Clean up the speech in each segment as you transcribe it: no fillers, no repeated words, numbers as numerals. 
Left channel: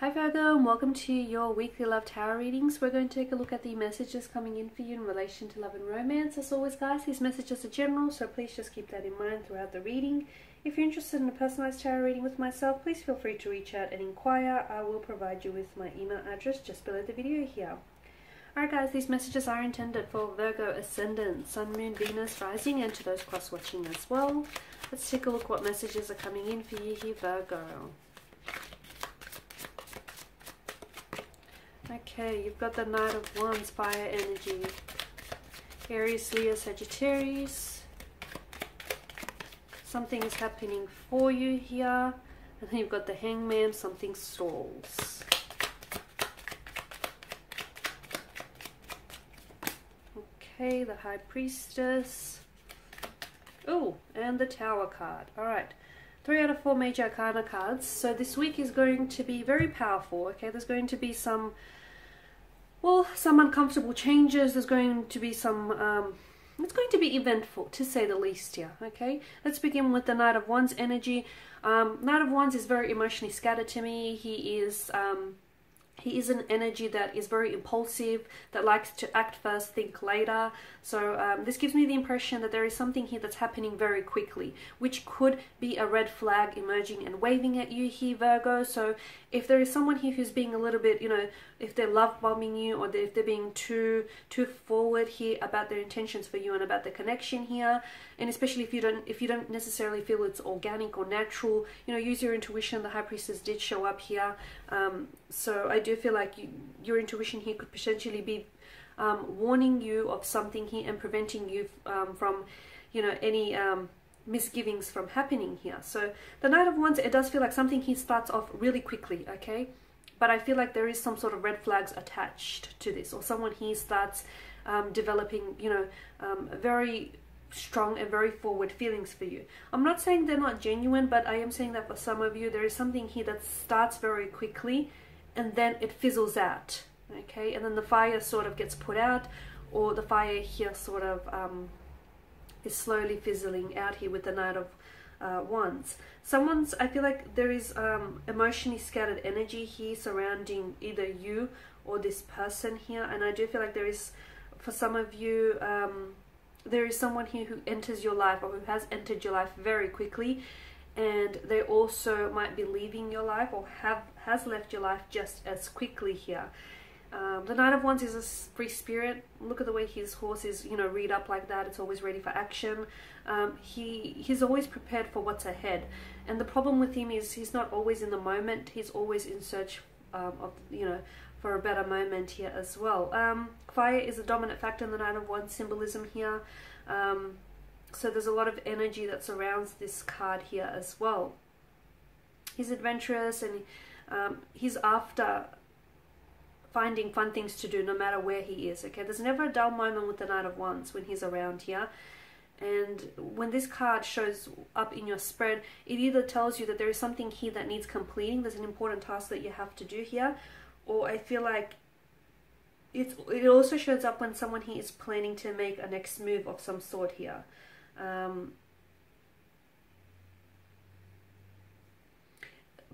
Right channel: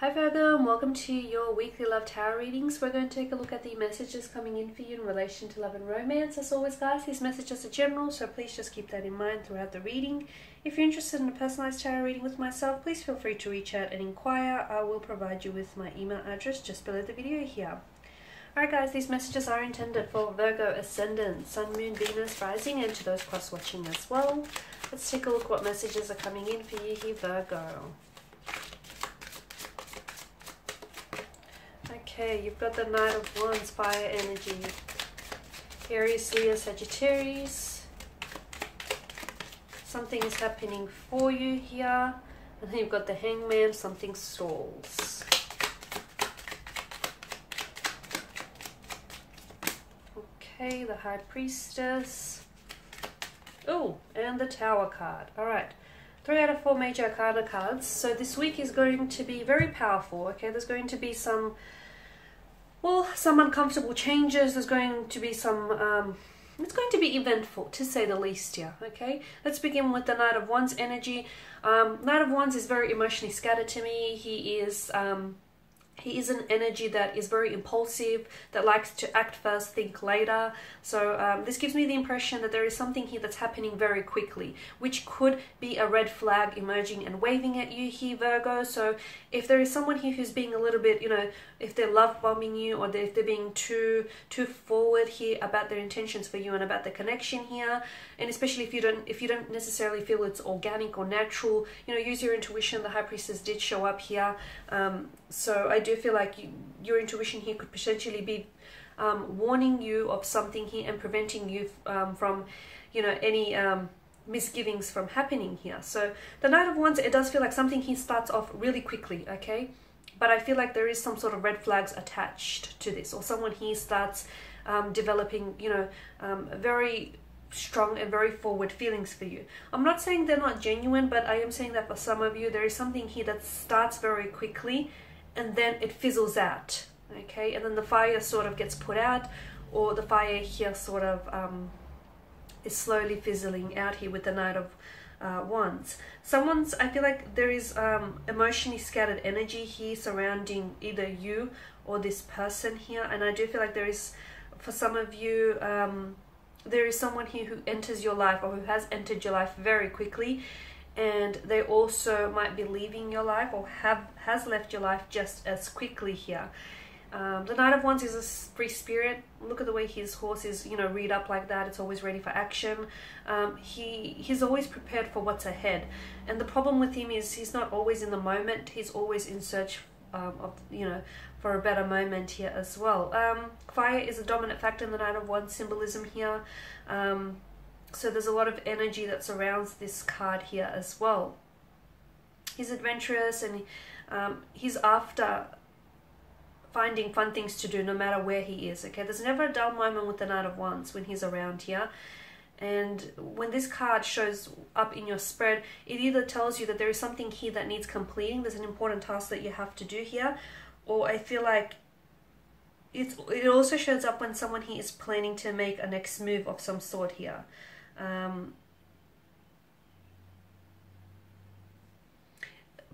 Hi Virgo, and welcome to your weekly love tarot readings. We're going to take a look at the messages coming in for you in relation to love and romance. As always guys, these messages are general, so please just keep that in mind throughout the reading. If you're interested in a personalized tarot reading with myself, please feel free to reach out and inquire. I will provide you with my email address just below the video here. Alright guys, these messages are intended for Virgo Ascendant, Sun, Moon, Venus, Rising, and to those cross-watching as well. Let's take a look what messages are coming in for you here, Virgo. Okay, you've got the Knight of Wands, fire energy. Aries, Leo, Sagittarius. Something is happening for you here. And then you've got the Hangman, something stalls. Okay, the High Priestess. Oh, and the Tower card. Alright. 3 out of 4 major arcana cards. So this week is going to be very powerful. Okay, there's going to be some uncomfortable changes. There's going to be it's going to be eventful, to say the least here. Okay, let's begin with the Knight of Wands energy. Knight of Wands is very emotionally scattered to me. He is an energy that is very impulsive, that likes to act first, think later. So this gives me the impression that there is something here that's happening very quickly, which could be a red flag emerging and waving at you here, Virgo. So if there is someone here who's being a little bit, if they're love bombing you, or if they're being too forward here about their intentions for you and about the connection here, and especially if you don't necessarily feel it's organic or natural, use your intuition. The High Priestess did show up here, so I do feel like your intuition here could potentially be warning you of something here and preventing you from any misgivings from happening here. So the Knight of Wands, it does feel like something here starts off really quickly, okay, but I feel like there is some sort of red flags attached to this, or someone here starts developing very strong and very forward feelings for you. I'm not saying they're not genuine, but I am saying that for some of you there is something here that starts very quickly and then it fizzles out, okay, and then the fire sort of gets put out, or the fire here sort of is slowly fizzling out here with the Knight of Wands. I feel like there is emotionally scattered energy here surrounding either you or this person here, and I do feel like there is, for some of you, there is someone here who enters your life, or who has entered your life very quickly, and they also might be leaving your life, or has left your life just as quickly here. The Knight of Wands is a free spirit. Look at the way his horse is, reared up like that. It's always ready for action. He's always prepared for what's ahead. And the problem with him is he's not always in the moment. He's always in search for a better moment here as well. Fire is a dominant factor in the Knight of Wands symbolism here. So there's a lot of energy that surrounds this card here as well. He's adventurous, and he's after finding fun things to do no matter where he is, okay? There's never a dull moment with the Knight of Wands when he's around here. And when this card shows up in your spread, it either tells you that there is something here that needs completing, there's an important task that you have to do here, or I feel like it also shows up when someone here is planning to make a next move of some sort here.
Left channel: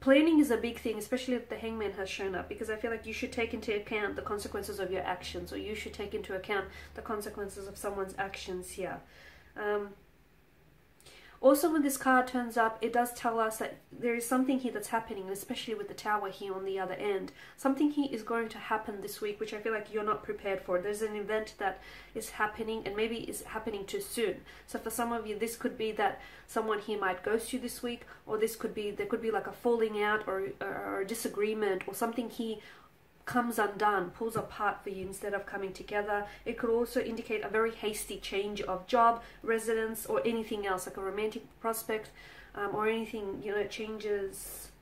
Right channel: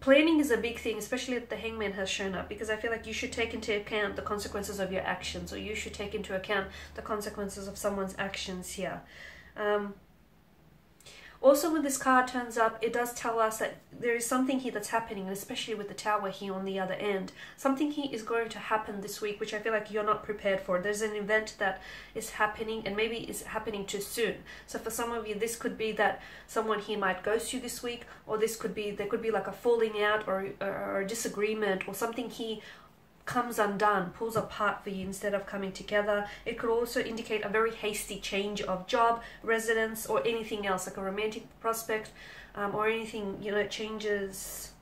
Planning is a big thing, especially if the Hangman has shown up, because I feel like you should take into account the consequences of your actions, or you should take into account the consequences of someone's actions here. Also, when this card turns up, it does tell us that there is something here that's happening, especially with the Tower here on the other end. Something here is going to happen this week, which I feel like you're not prepared for. There's an event that is happening, and maybe it's happening too soon. So for some of you, this could be that someone here might ghost you this week, or there could be like a falling out, or a disagreement, or something here comes undone, pulls apart for you instead of coming together. It could also indicate a very hasty change of job, residence, or anything else, like a romantic prospect, or anything, changes.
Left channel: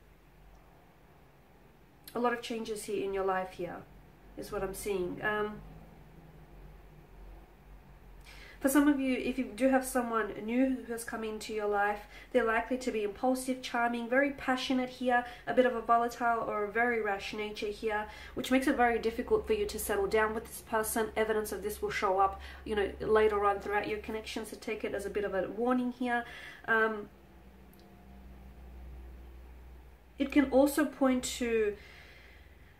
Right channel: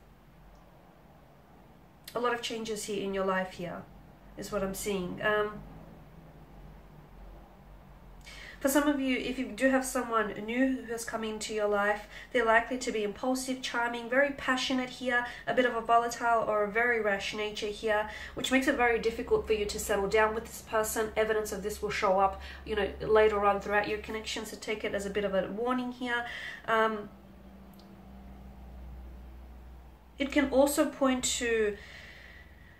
A lot of changes here in your life here is what I'm seeing. For some of you, if you do have someone new who has come into your life, they're likely to be impulsive, charming, very passionate here, a bit of a volatile or a very rash nature here, which makes it very difficult for you to settle down with this person. Evidence of this will show up, later on throughout your connection, so take it as a bit of a warning here. It can also point to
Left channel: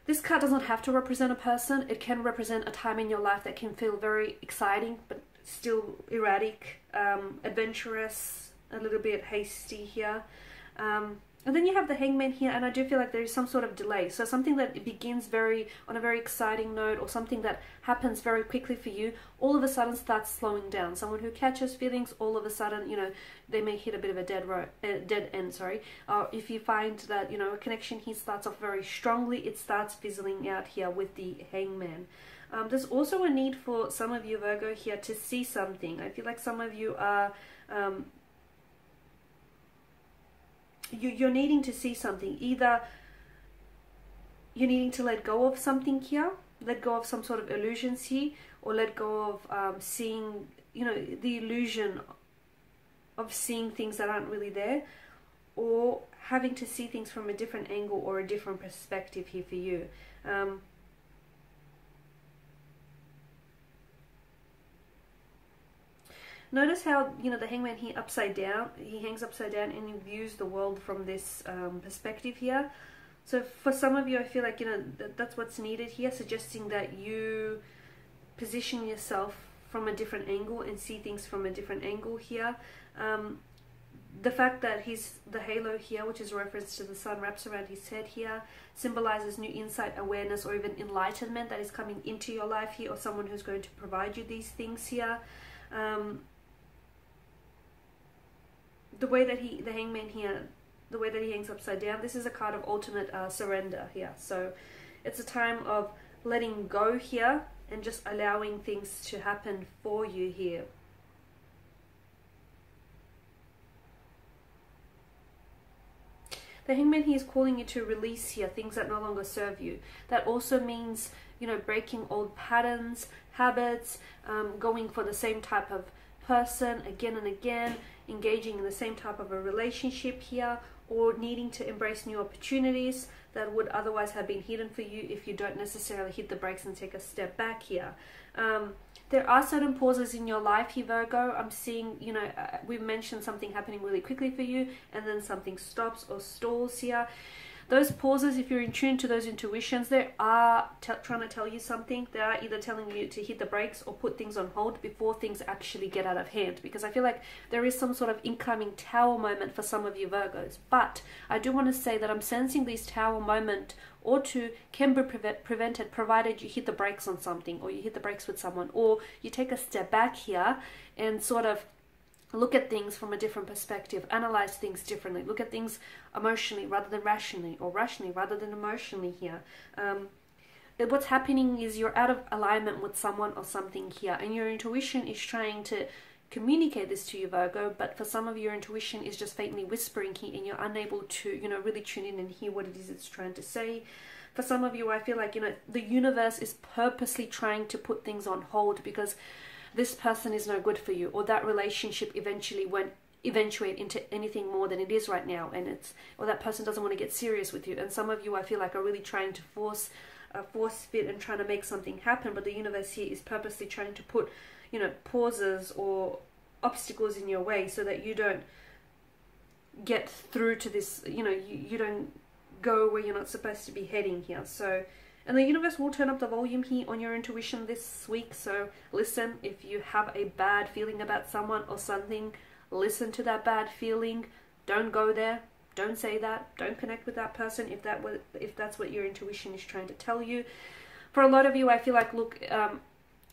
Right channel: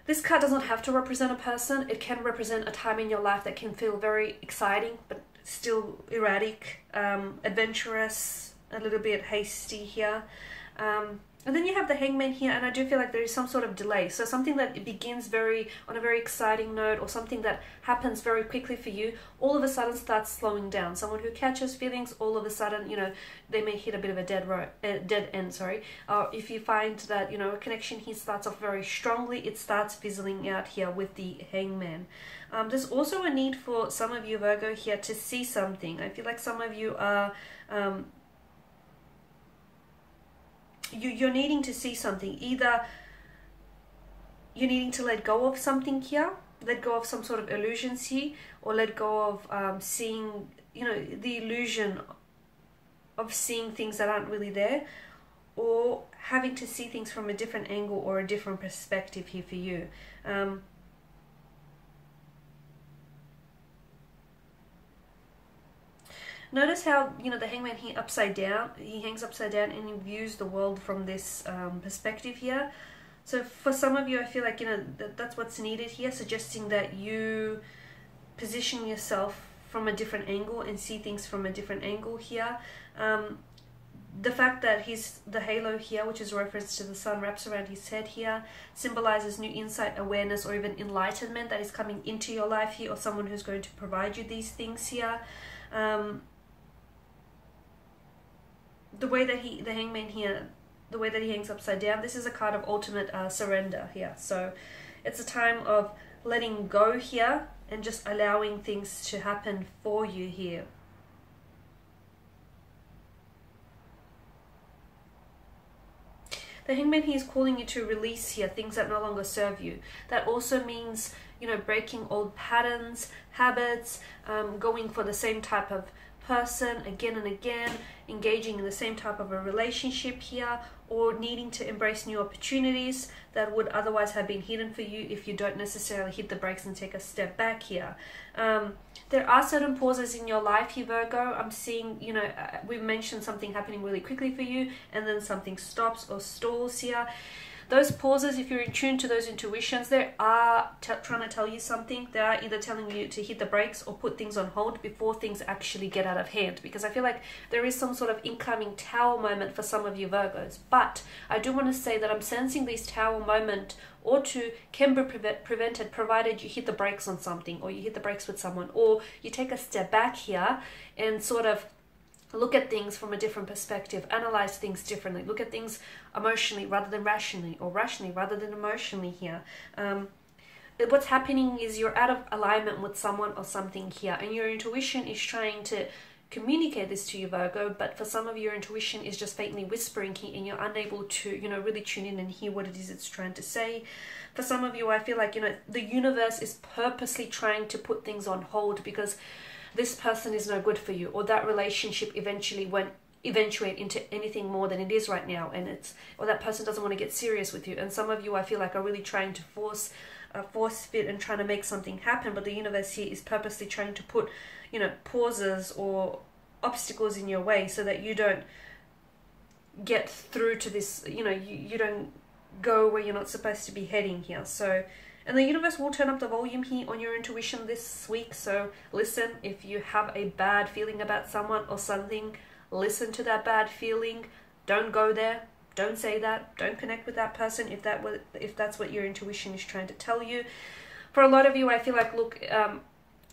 This card does not have to represent a person. It can represent a time in your life that can feel very exciting, but still erratic, adventurous, a little bit hasty here. And then you have the Hangman here, and I do feel like there is some sort of delay. So something that begins on a very exciting note, or something that happens very quickly for you, all of a sudden starts slowing down. Someone who catches feelings, all of a sudden, you know, they may hit a bit of a dead end, sorry. If you find that, you know, a connection here starts off very strongly, it starts fizzling out here with the Hangman. There's also a need for some of you, Virgo, here to see something. I feel like some of you are... You're needing to see something. Either you're needing to let go of something here, let go of some sort of illusions here, or let go of seeing, you know, the illusion of seeing things that aren't really there, or having to see things from a different angle or a different perspective here for you. Notice how, you know, the Hangman here upside down, he hangs upside down and he views the world from this perspective here. So for some of you, I feel like, you know, that's what's needed here, suggesting that you position yourself from a different angle and see things from a different angle here. The fact that the halo here, which is a reference to the sun, wraps around his head here, symbolizes new insight, awareness, or even enlightenment that is coming into your life here, or someone who's going to provide you these things here. The way that the Hangman here, the way that he hangs upside down, this is a card of ultimate surrender here. So it's a time of letting go here and just allowing things to happen for you here. The Hangman here is calling you to release here things that no longer serve you. That also means, you know, breaking old patterns, habits, going for the same type of person again and again, engaging in the same type of a relationship here, or needing to embrace new opportunities that would otherwise have been hidden for you if you don't necessarily hit the brakes and take a step back here. There are certain pauses in your life here, Virgo. I'm seeing, you know, we've mentioned something happening really quickly for you, and then something stops or stalls here. Those pauses, if you're in tune to those intuitions, they are trying to tell you something. They are either telling you to hit the brakes or put things on hold before things actually get out of hand. Because I feel like there is some sort of incoming tower moment for some of you Virgos. But I do want to say that I'm sensing this tower moment or two can be prevented, provided you hit the brakes on something, or you hit the brakes with someone, or you take a step back here and sort of look at things from a different perspective, analyze things differently, look at things emotionally rather than rationally, or rationally rather than emotionally here. What's happening is you're out of alignment with someone or something here, and your intuition is trying to communicate this to you, Virgo, but for some of you, your intuition is just faintly whispering here, and you're unable to, you know, really tune in and hear what it is it's trying to say. For some of you, I feel like, you know, the universe is purposely trying to put things on hold because this person is no good for you, or that relationship eventually won't eventuate into anything more than it is right now, and or that person doesn't want to get serious with you. And some of you, I feel like, are really trying to force fit and trying to make something happen, but the universe here is purposely trying to put, you know, pauses or obstacles in your way so that you don't get through to this, you know, you don't go where you're not supposed to be heading here. So, and the universe will turn up the volume here on your intuition this week. So listen, if you have a bad feeling about someone or something, listen to that bad feeling. Don't go there. Don't say that. Don't connect with that person if that's what your intuition is trying to tell you. For a lot of you, I feel like, look,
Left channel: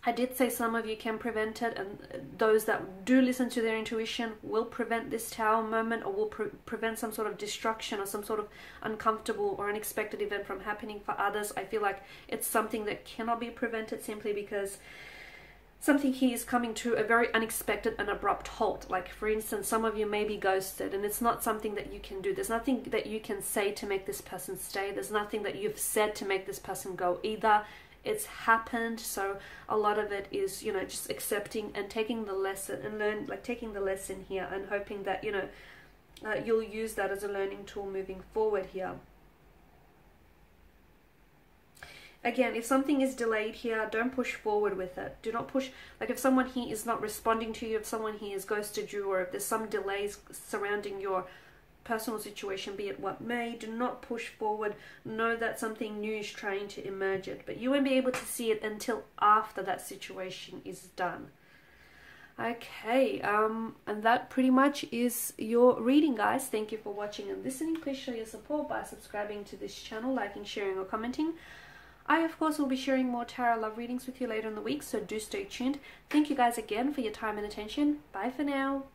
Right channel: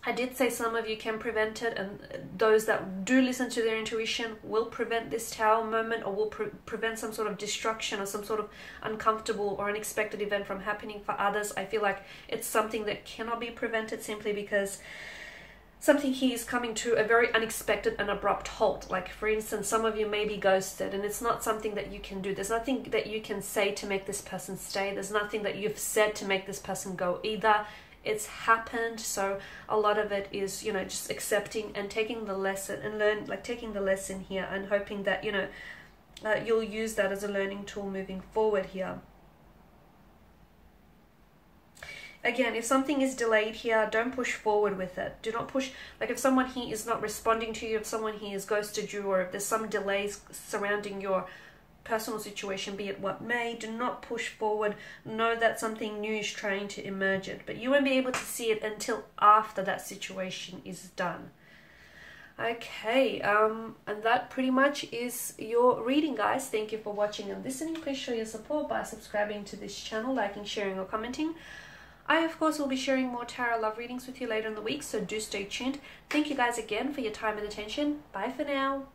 I did say some of you can prevent it, and those that do listen to their intuition will prevent this tower moment, or will prevent some sort of destruction or some sort of uncomfortable or unexpected event from happening. For others, I feel like it's something that cannot be prevented simply because something here is coming to a very unexpected and abrupt halt. Like, for instance, some of you may be ghosted, and it's not something that you can do. There's nothing that you can say to make this person stay. There's nothing that you've said to make this person go either. It's happened. So a lot of it is, you know, just accepting and taking the lesson and taking the lesson here and hoping that, you know, you'll use that as a learning tool moving forward here. Again, if something is delayed here, don't push forward with it. Do not push, like if someone here is not responding to you, if someone here has ghosted you, or if there's some delays surrounding your personal situation, be it what may. Do not push forward. Know that something new is trying to emerge it, but you won't be able to see it until after that situation is done. Okay, and that pretty much is your reading, guys. Thank you for watching and listening. Please show your support by subscribing to this channel, liking, sharing, or commenting. I, of course, will be sharing more tarot love readings with you later in the week, so do stay tuned. Thank you guys again for your time and attention. Bye for now.